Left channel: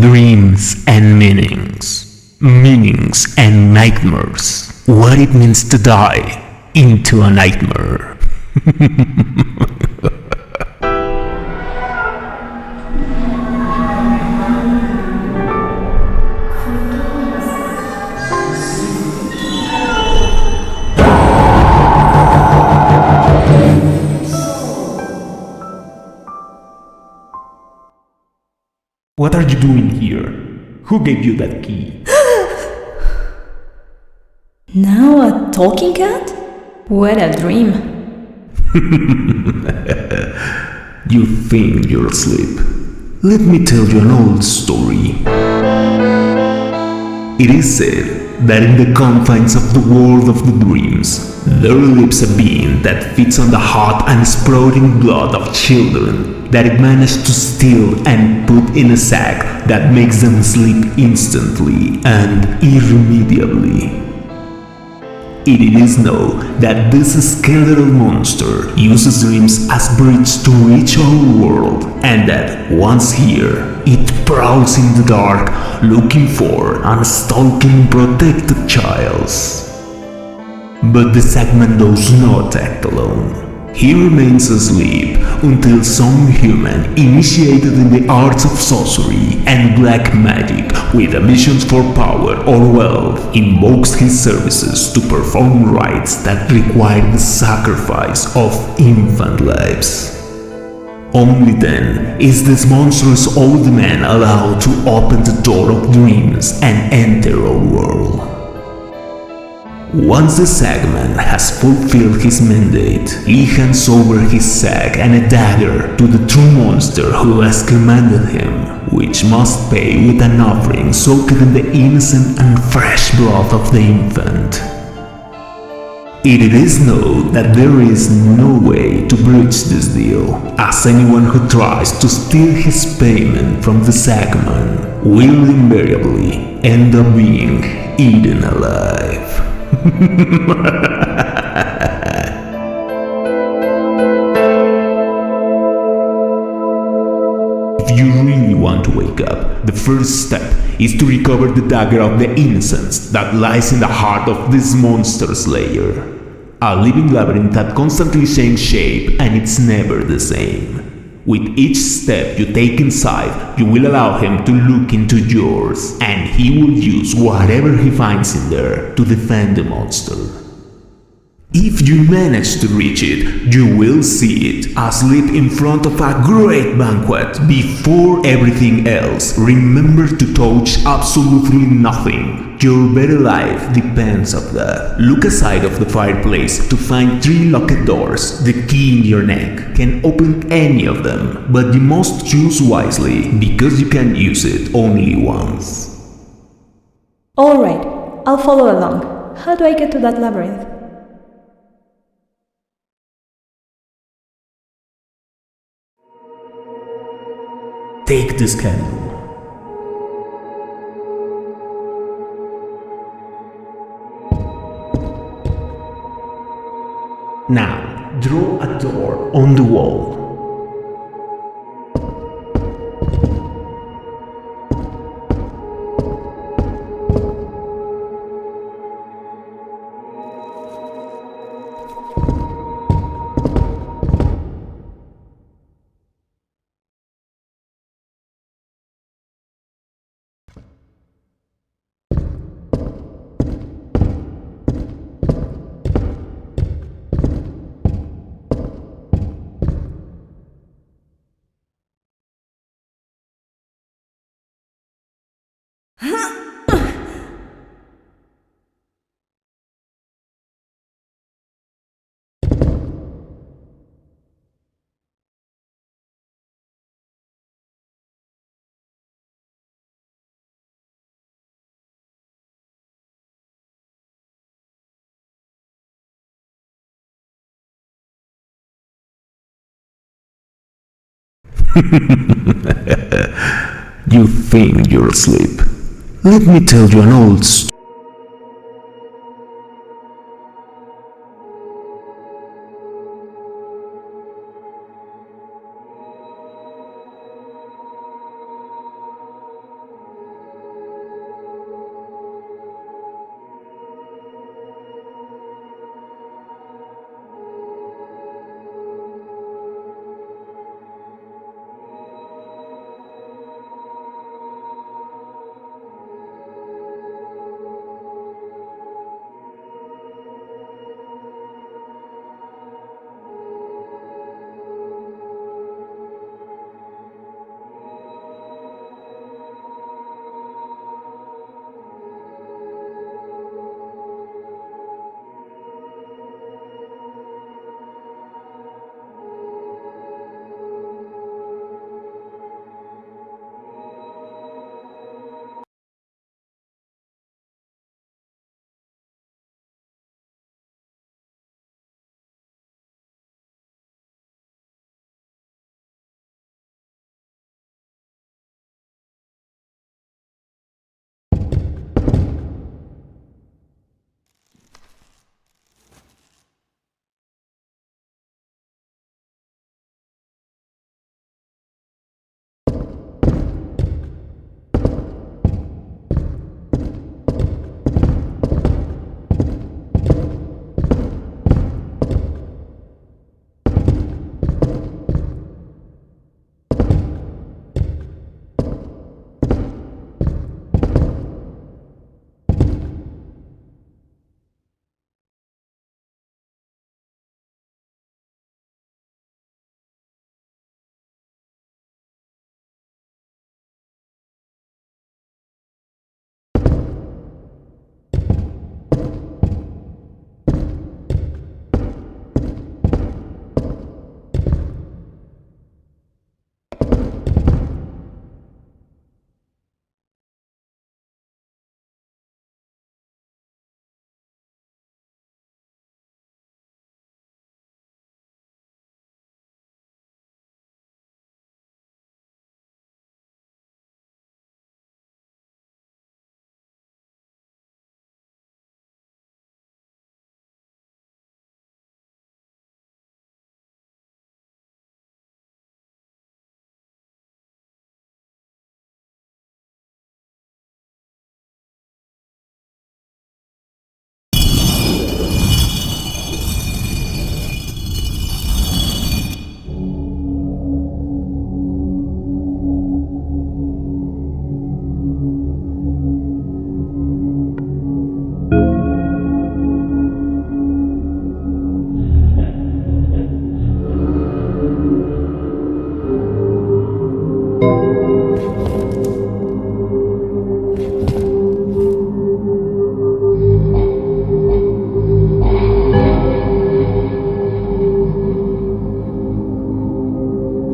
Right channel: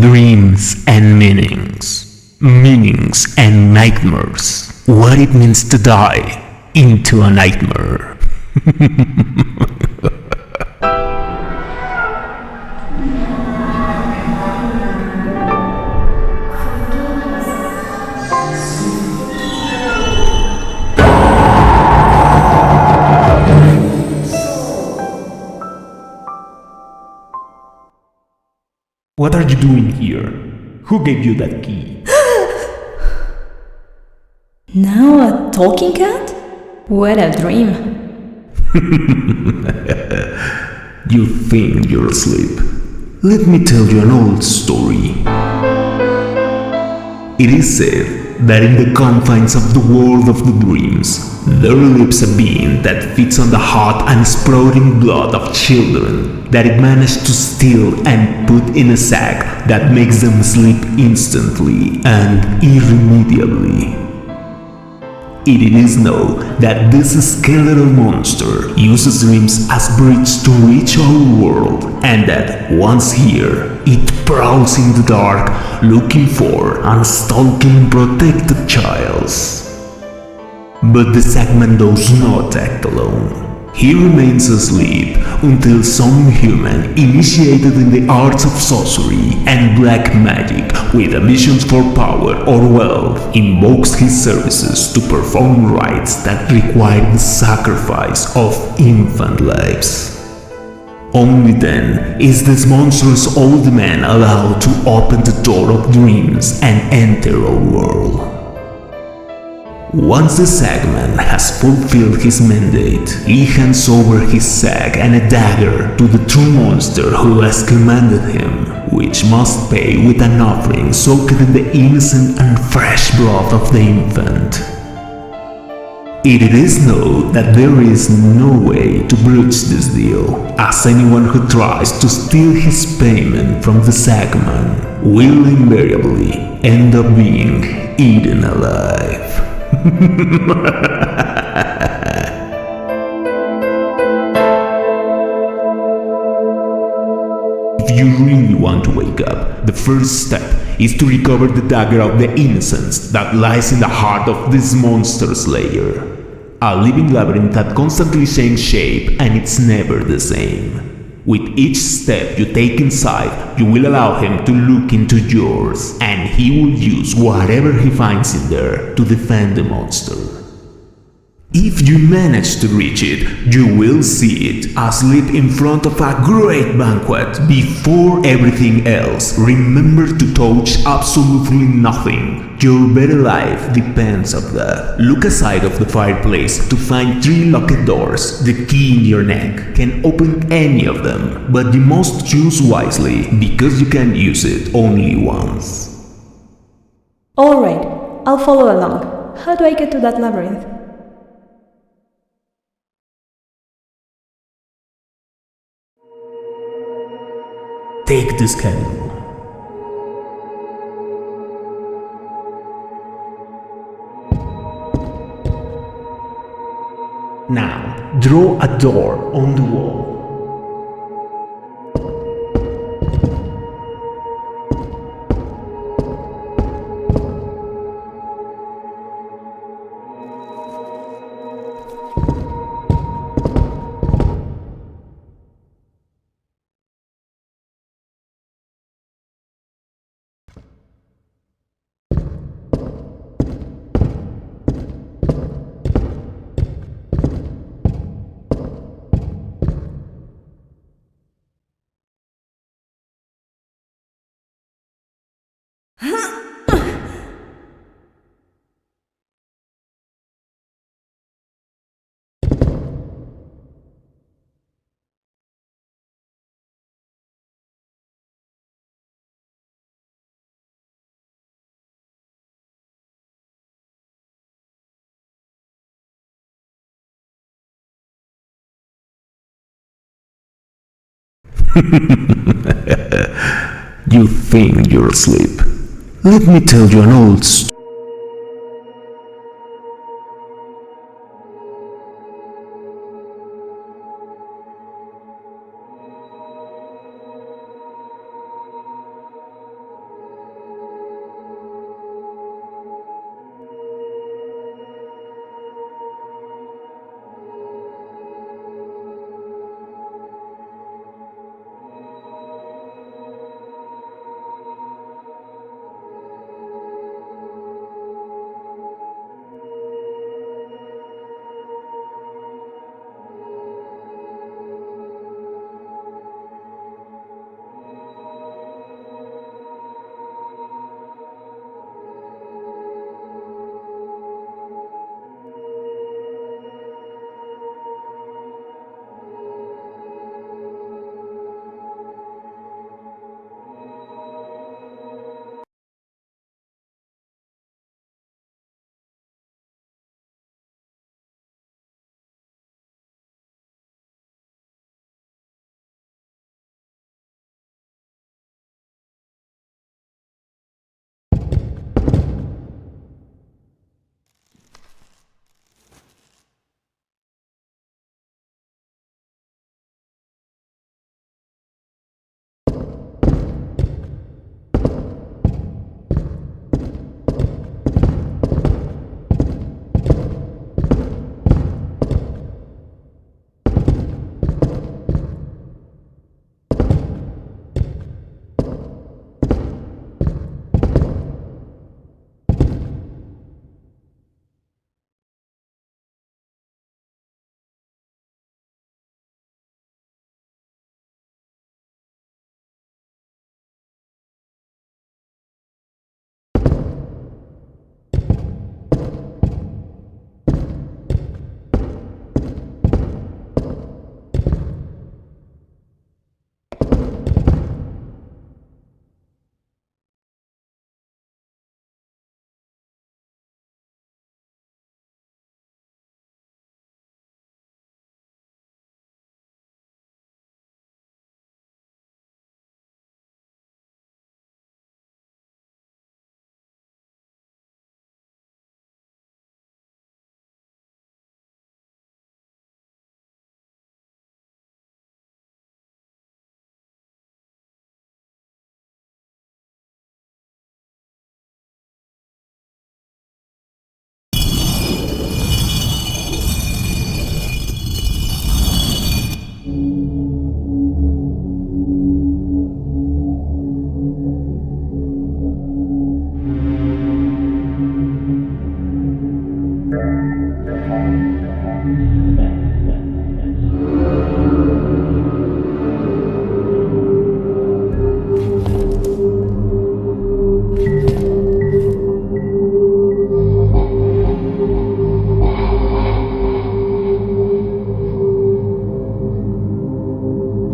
Dreams and meanings. Meanings and nightmares. What it means to die into a nightmare. What are you doing here? Who gave you that key? Now a talking cat? What a dream. You think you're asleep. Let me tell you an old story. It is said that in the confines of the world of the dreams, there lives a being that feeds on the hot and sprouting blood of children that it managed to steal and put in a sack that makes them sleep instantly and irremediably. It is known that this skeletal monster uses dreams as bridge to reach our world, and that once here, it prowls in the dark looking for and stalking protected childs. But the Sagman does not act alone. He remains asleep until some human initiated in the arts of sorcery and black magic with ambitions for power or wealth invokes his services to perform rites that require the sacrifice of infant lives. Only then is this monstrous old man allowed to open the door of dreams and enter our world. Once the Sagman has fulfilled his mandate, he hands over his sack and a dagger to the true monster who has commanded him, which must pay with an offering soaked in the innocent and fresh blood of the infant. It is known that there is no way to breach this deal, as anyone who tries to steal his payment from the Sagman will invariably end up being eaten alive. If you really want to wake up, the first step is to recover the dagger of the innocence that lies in the heart of this monster slayer. A living labyrinth that constantly changes shape and it's never the same. With each step you take inside, you will allow him to look into yours, and he will use whatever he finds in there to defend the monster. If you manage to reach it, you will see it asleep in front of a great banquet. Before everything else, remember to touch absolutely nothing. Your very life depends on that. Look aside of the fireplace to find 3 locked doors. The key in your neck can open any of them, but you must choose wisely because you can use it only once. Alright, I'll follow along. How do I get to that labyrinth? Take this candle. Now, draw a door on the wall. You think you're asleep. Let me tell you an old story.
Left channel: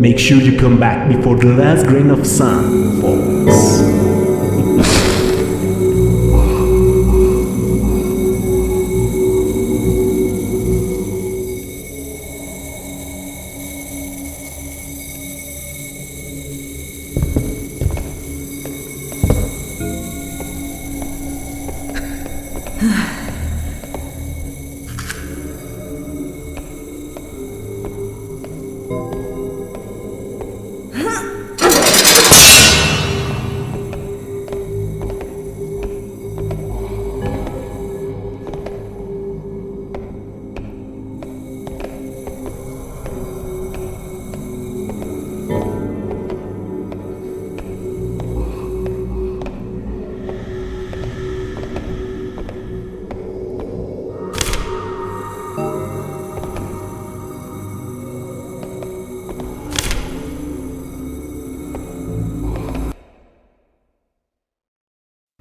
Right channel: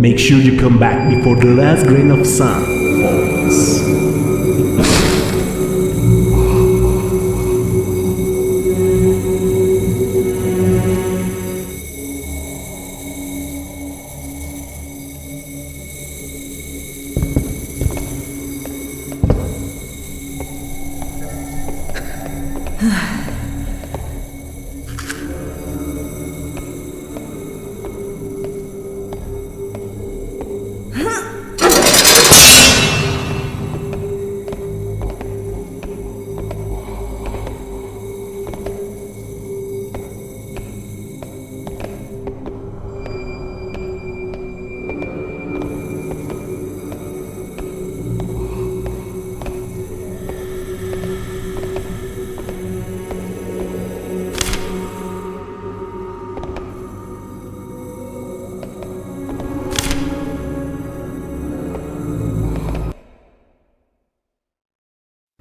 Make sure you come back before the last grain of sun falls.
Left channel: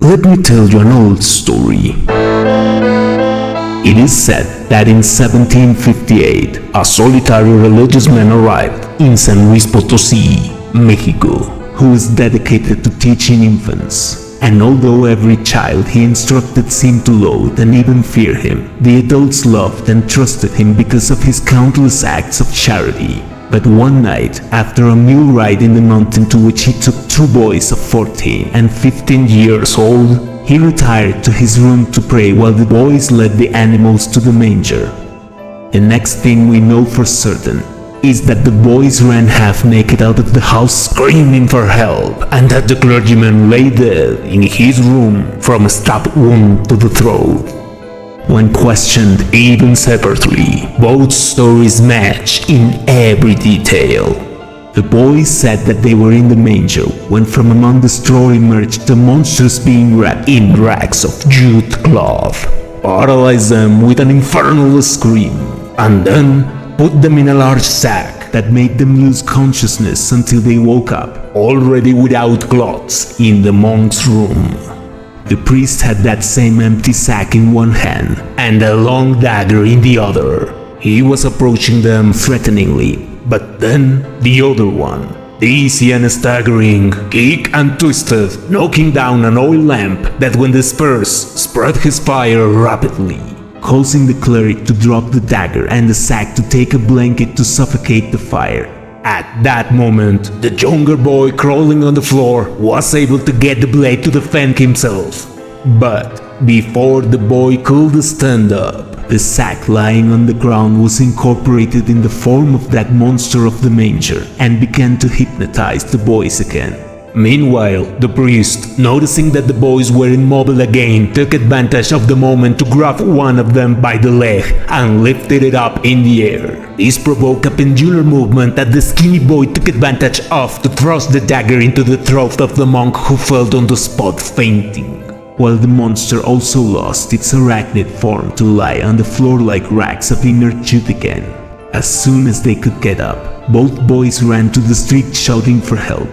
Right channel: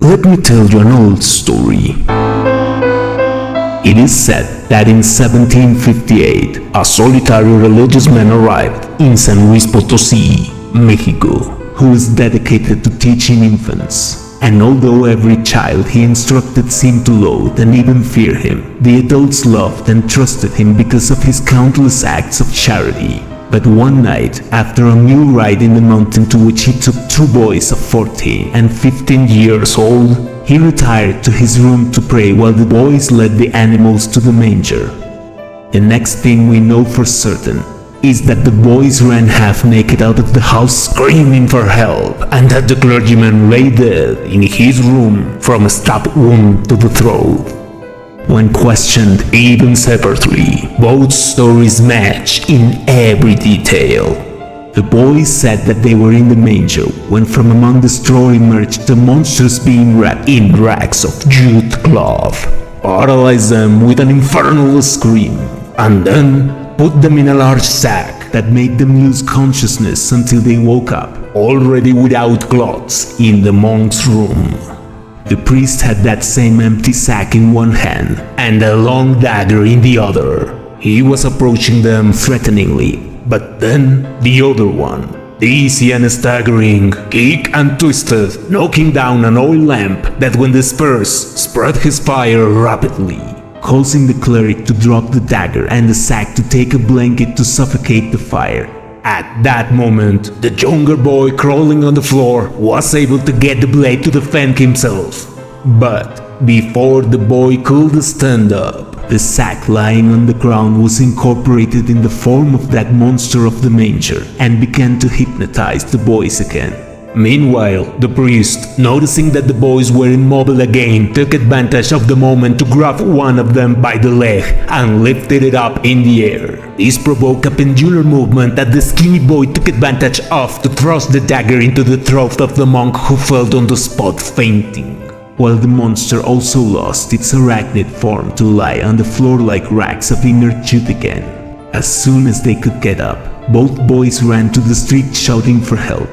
Let me tell you an old story. It is said that in 1758, a solitary religious man arrived in San Luis Potosí, Mexico, who was dedicated to teaching infants. And although every child he instructed seemed to loathe and even fear him, the adults loved and trusted him because of his countless acts of charity. But one night, after a mule ride in the mountain to which he took two boys of 14 and 15 years old, he retired to his room to pray while the boys led the animals to the manger. The next thing we know for certain is that the boys ran half naked out of the house screaming for help, and that the clergyman lay dead in his room from a stab wound to the throat. When questioned even separately, both stories match in every detail. The boys said that they were in the manger when from among the straw emerged the monsters being wrapped in rags of jute cloth, paralyzed them with an infernal scream, and then put them in a large sack that made them lose consciousness until they woke up, already without clothes, in the monk's room. The priest had that same empty sack in one hand and a long dagger in the other. He was approaching them threateningly, but then the other one, dizzy and staggering, kicked and twisted, knocking down an oil lamp that when dispersed spread his fire rapidly, causing the cleric to drop the dagger and the sack to take a blanket to suffocate the fire. At that moment, the younger boy crawling on the floor was able to get the blade to defend himself. But before the boy could stand up, the sack lying on the ground was incorporated in the form of that monster of the manger and began to hypnotize the boys again. Meanwhile, the priest, noticing that the boys were immobile again, took advantage of the moment to grab one of them by the leg and lifted it up in the air. This provoked a pendular movement that the skinny boy took advantage of to thrust the dagger into the throat of the monk, who fell on the spot fainting, while the monster also lost its arachnid form to lie on the floor like rags of inert jute again. As soon as they could get up, both boys ran to the street shouting for help.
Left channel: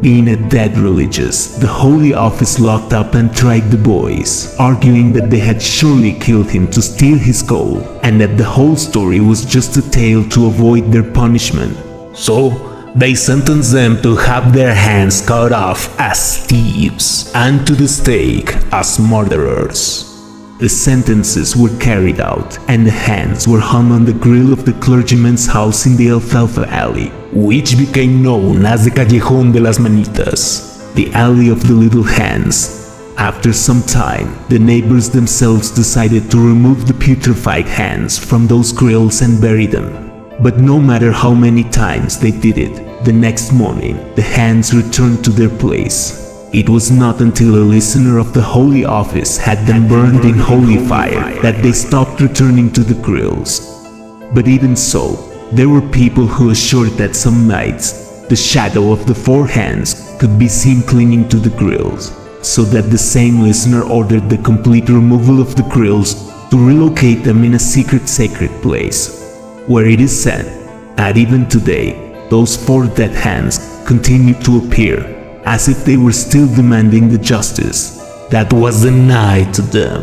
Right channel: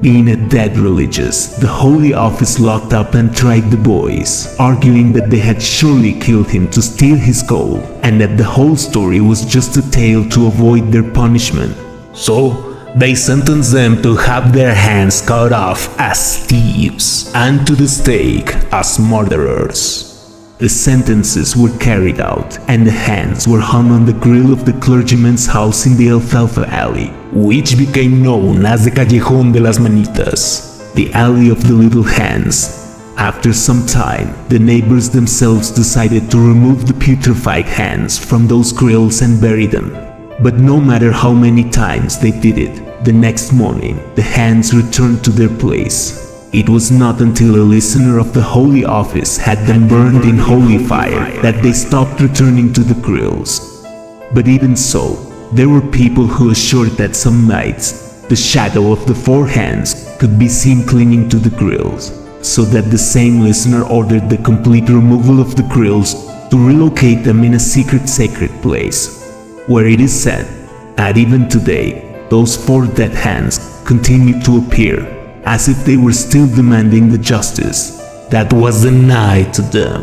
Being a dead religious, the Holy Office locked up and tried the boys, arguing that they had surely killed him to steal his gold, and that the whole story was just a tale to avoid their punishment. So, they sentenced them to have their hands cut off as thieves, and to the stake as murderers. The sentences were carried out, and the hands were hung on the grill of the clergyman's house in the Alfalfa Alley, which became known as the Callejón de las Manitas, the Alley of the Little Hands. After some time, the neighbors themselves decided to remove the putrefied hands from those grills and bury them. But no matter how many times they did it, the next morning the hands returned to their place. It was not until a listener of the Holy Office had them burned in holy fire that they stopped returning to the grills. But even so, there were people who assured that some nights the shadow of the four hands could be seen clinging to the grills, so that the same listener ordered the complete removal of the grills to relocate them in a secret sacred place, where it is said that even today those four dead hands continue to appear, as if they were still demanding the justice that was denied to them.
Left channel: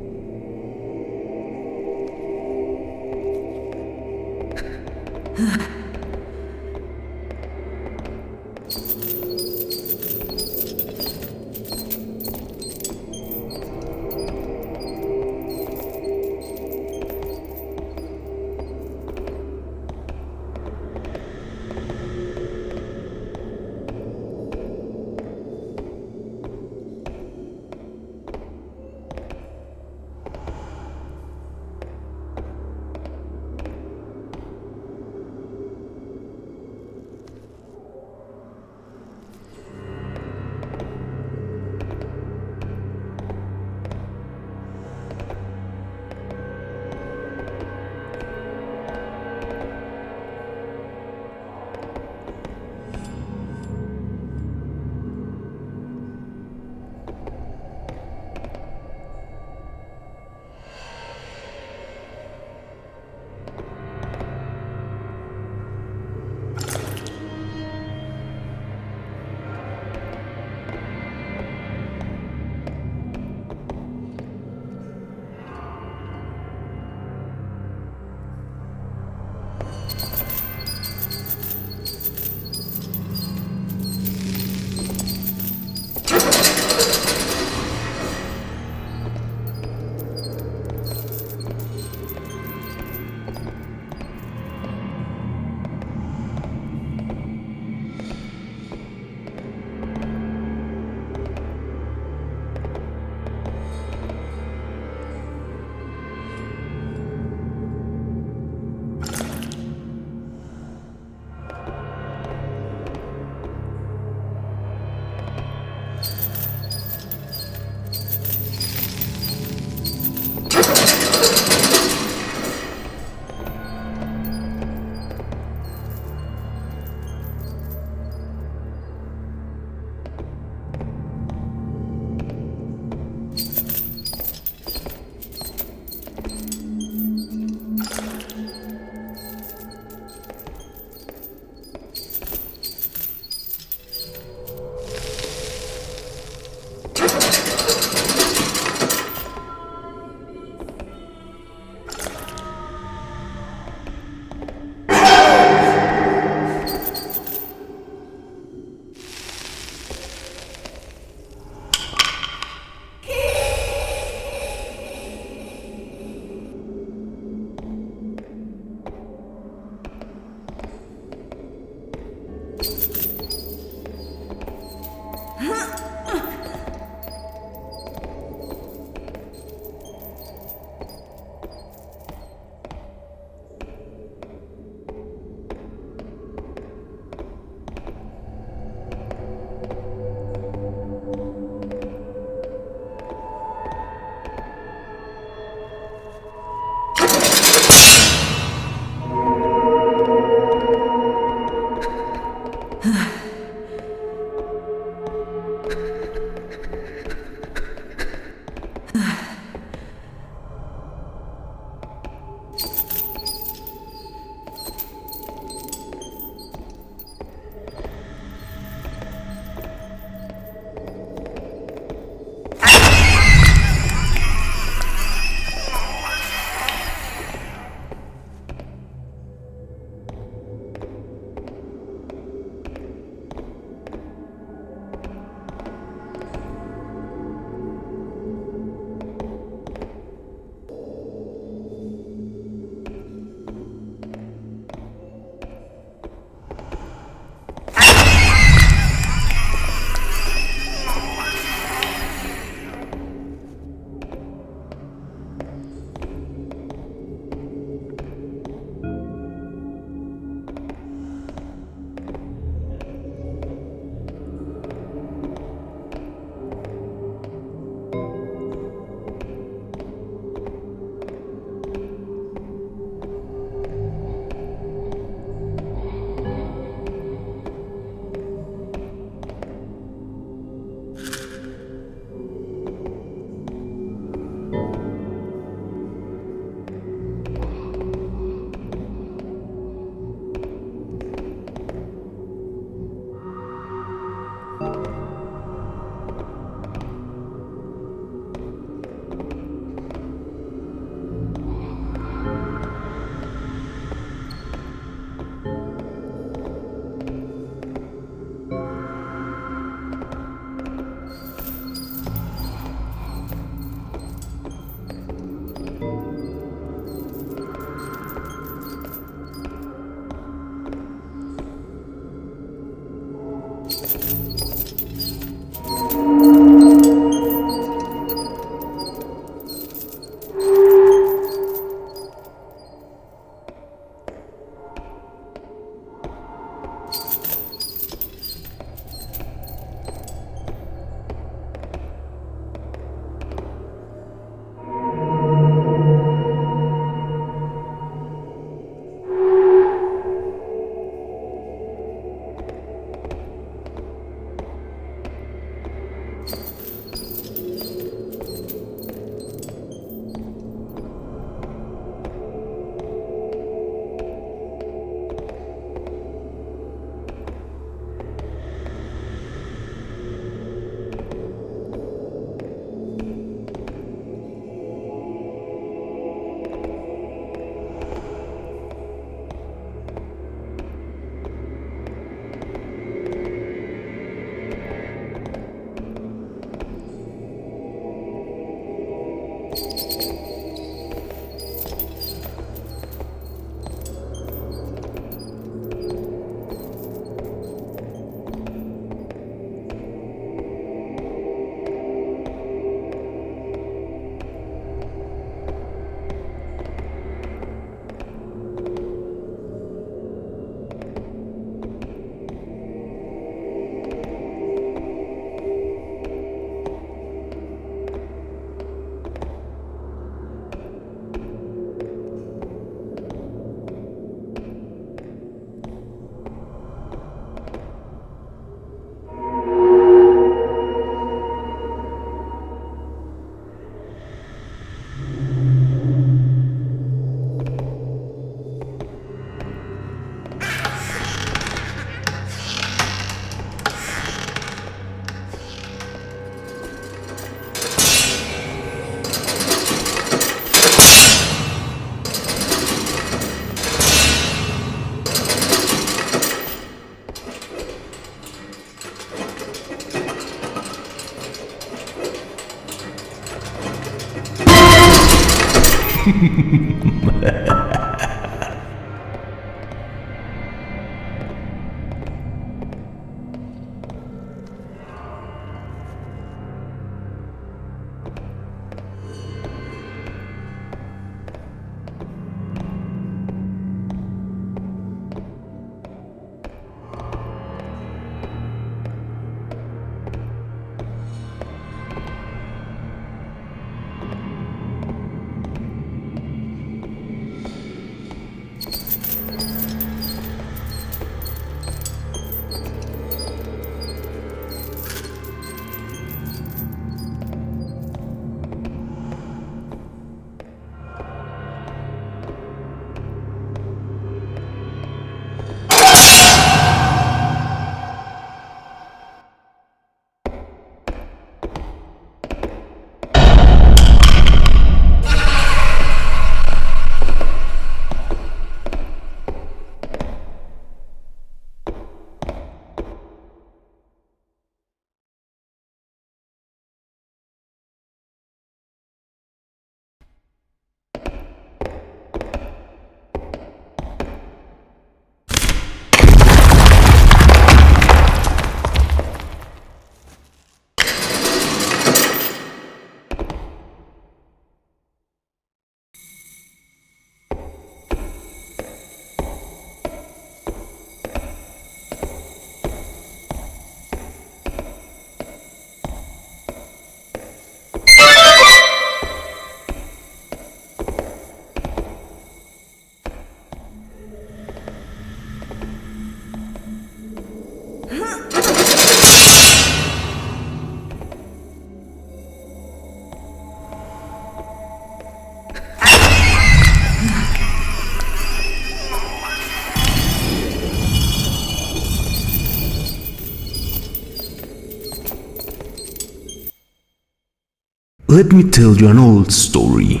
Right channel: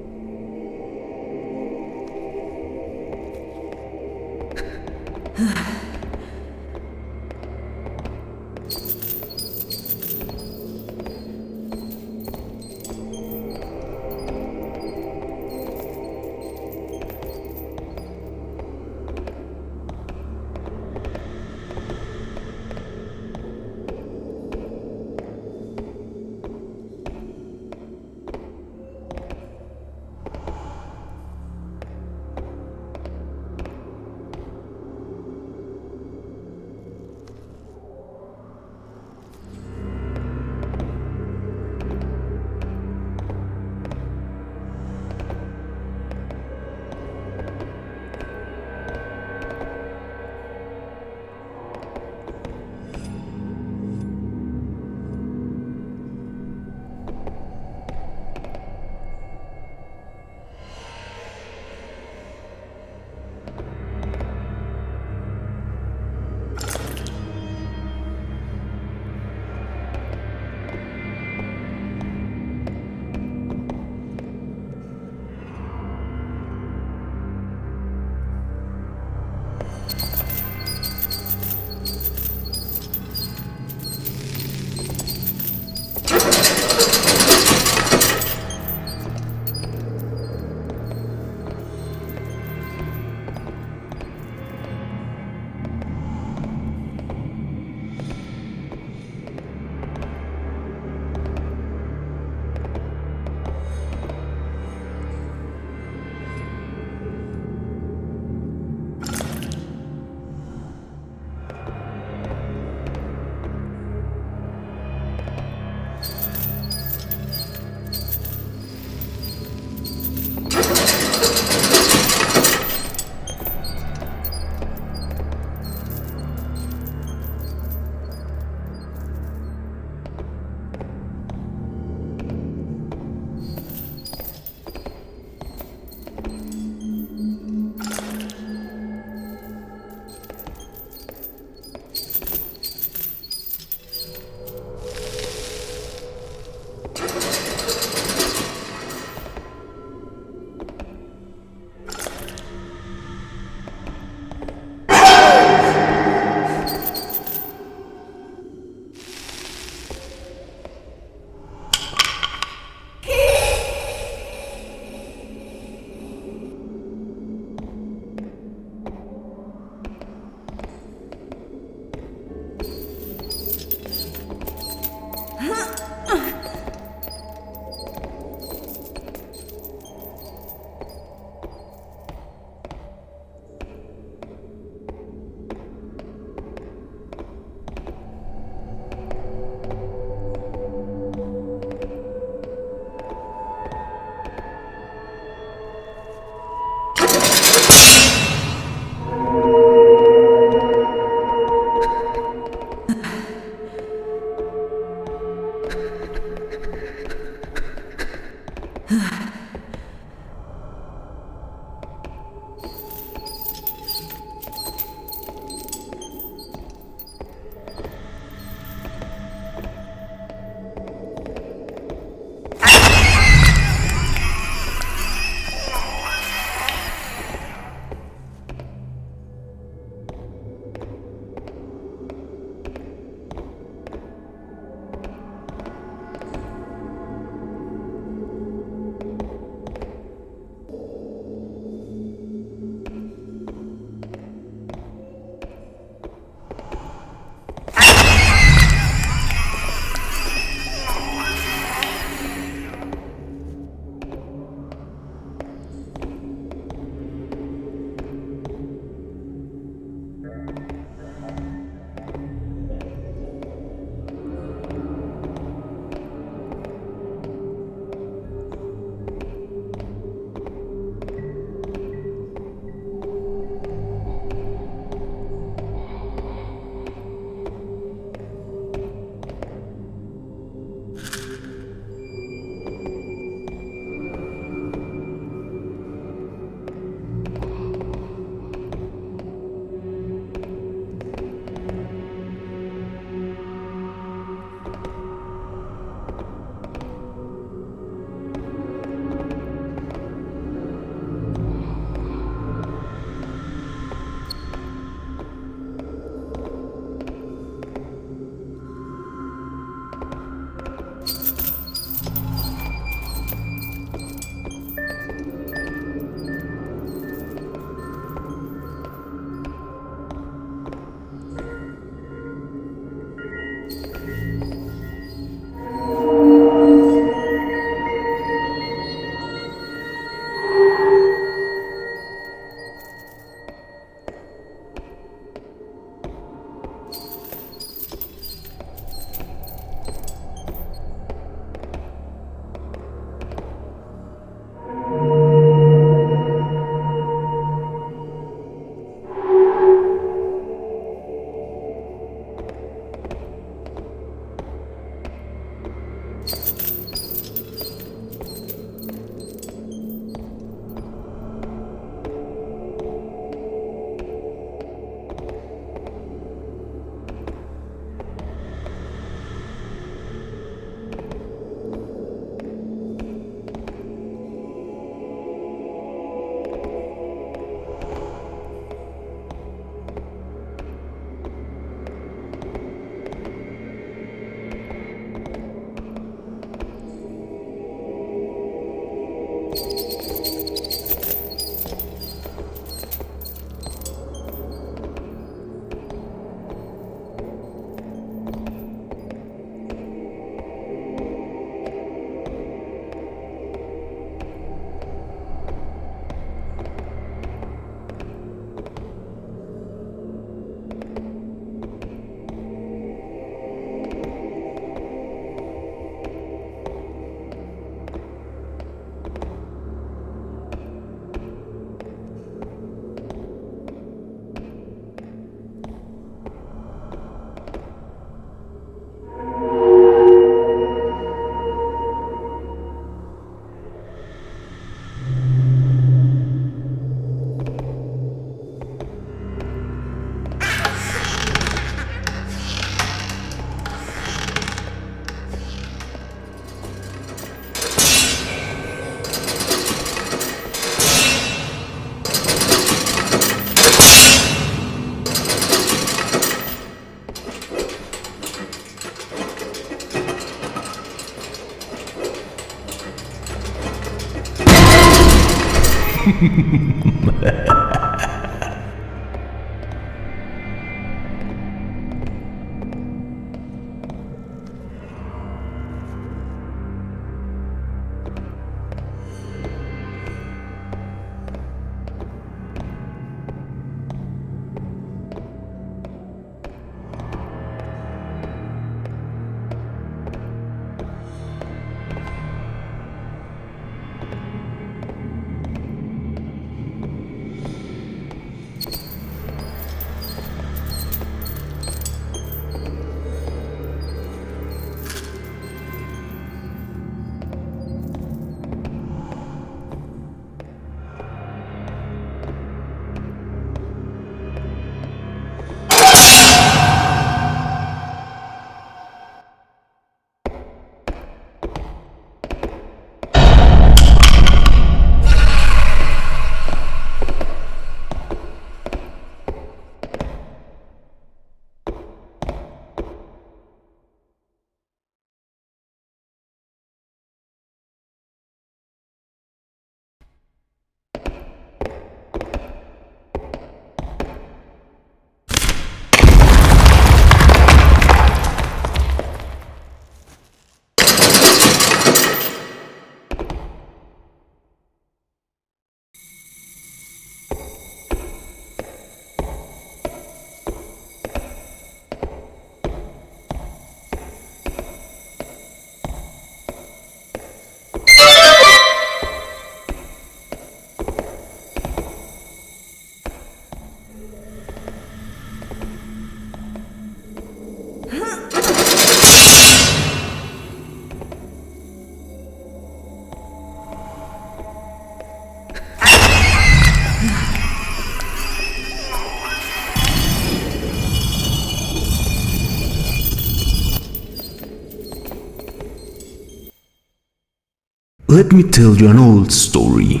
Let me tell you an old story.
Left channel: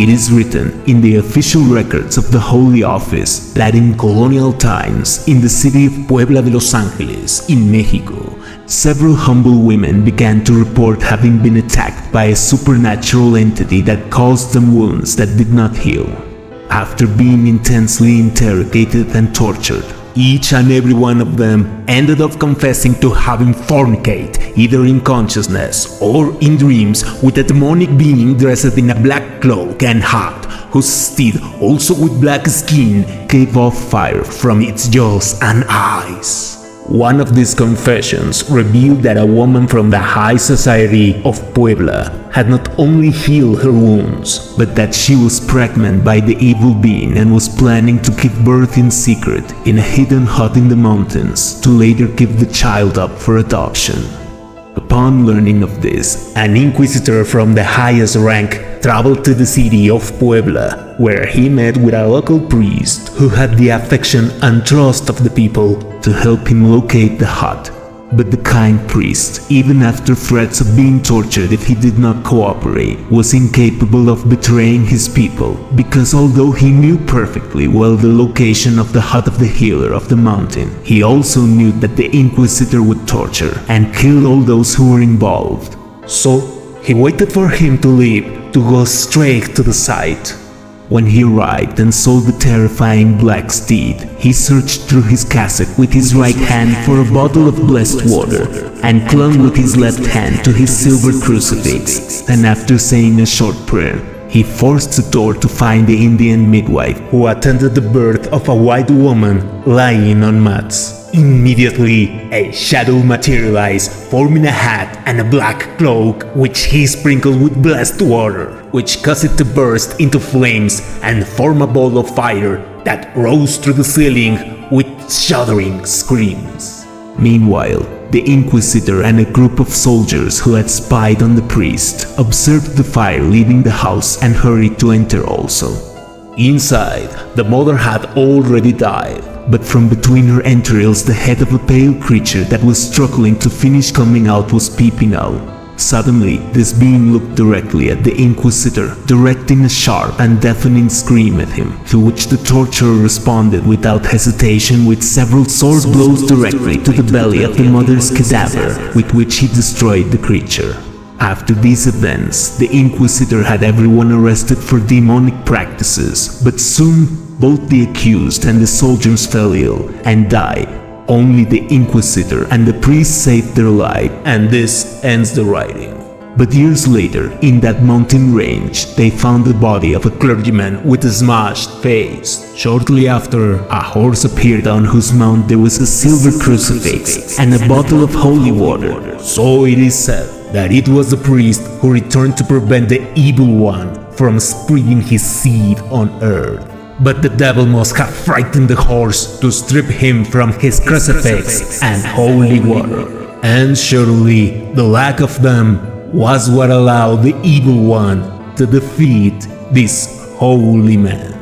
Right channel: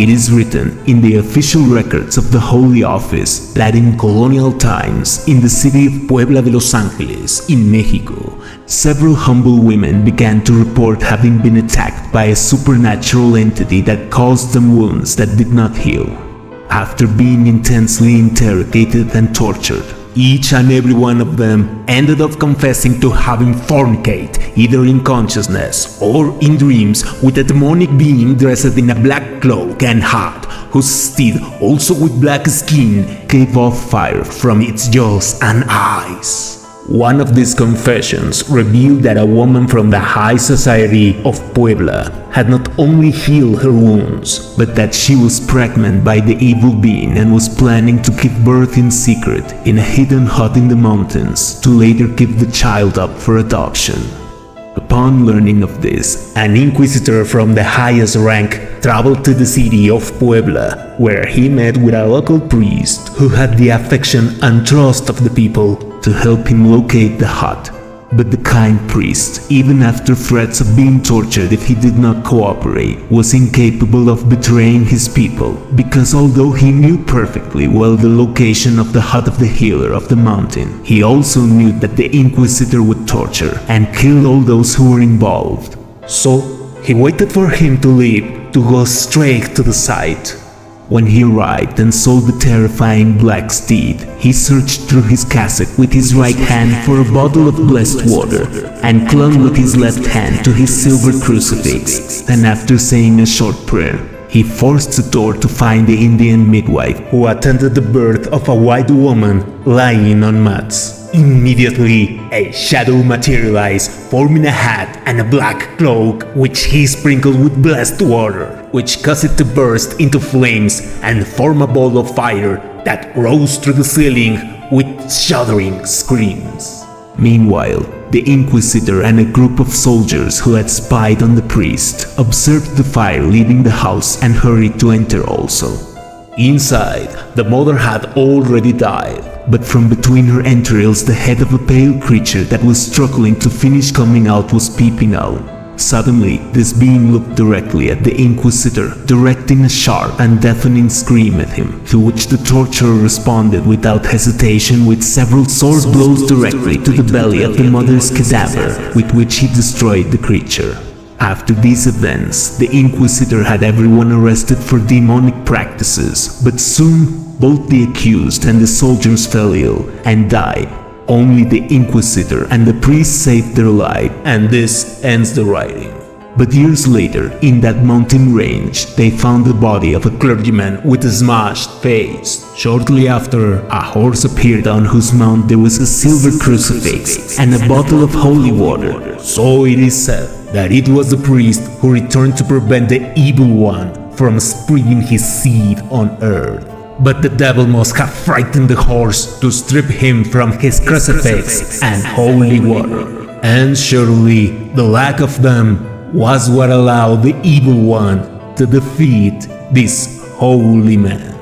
It is written in the official records of the Holy Office that in colonial times, in the city of Puebla de Los Ángeles, in Mexico, several humble women began to report having been attacked by a supernatural entity that caused them wounds that did not heal. After being intensely interrogated and tortured, each and every one of them ended up confessing to having fornicate, either in consciousness or in dreams, with a demonic being dressed in a black cloak and hat, whose steed, also with black skin, gave off fire from its jaws and eyes. One of these confessions revealed that a woman from the high society of Puebla had not only healed her wounds, but that she was pregnant by the evil being and was planning to give birth in secret in a hidden hut in the mountains to later give the child up for adoption. Upon learning of this, an inquisitor from the highest rank traveled to the city of Puebla, where he met with a local priest who had the affection and trust of the people to help him locate the hut. But the kind priest, even after threats of being tortured if he did not cooperate, was incapable of betraying his people, because although he knew perfectly well the location of the hut of the healer of the mountain, he also knew that the inquisitor would torture and kill all those who were involved. So he waited for him to leave to go straight to the site. When he arrived and saw the terrifying black steed, he searched through his cassock with his right hand for a bottle of blessed water and clung with his left hand to his silver crucifix. And after saying a short prayer, he forced the door to find the Indian midwife who attended the birth of a white woman lying on mats. Immediately, a shadow materialized, forming a hat and a black cloak, which he sprinkled with blessed water, which caused it to burst into flames and form a ball of fire that rose through the ceiling with shuddering screams. Meanwhile, the Inquisitor and a group of soldiers who had spied on the priest observed the fire leaving the house and hurried to enter also. Inside, the mother had already died, but from between her entrails the head of a pale creature that was struggling to finish coming out was peeping out. Suddenly, this being looked directly at the Inquisitor, directing a sharp and deafening scream at him, to which the torturer responded without hesitation with several sword blows directly to the belly of the mother's cadaver, with which he destroyed the creature. After these events, the Inquisitor had everyone arrested for demonic practices, but soon both the accused and the soldiers fell ill and died. Only the Inquisitor and the priest saved their life, and this ends the writing. But years later, in that mountain range, they found the body of a clergyman with a smashed face. Shortly after, a horse appeared on whose mount there was a silver crucifix and a bottle of holy water. So it is said that it was the priest who returned to prevent the evil one from spreading his seed on earth. But the devil must have frightened the horse to strip him from his crucifix and holy water. And surely the lack of them was what allowed the evil one to defeat this holy man.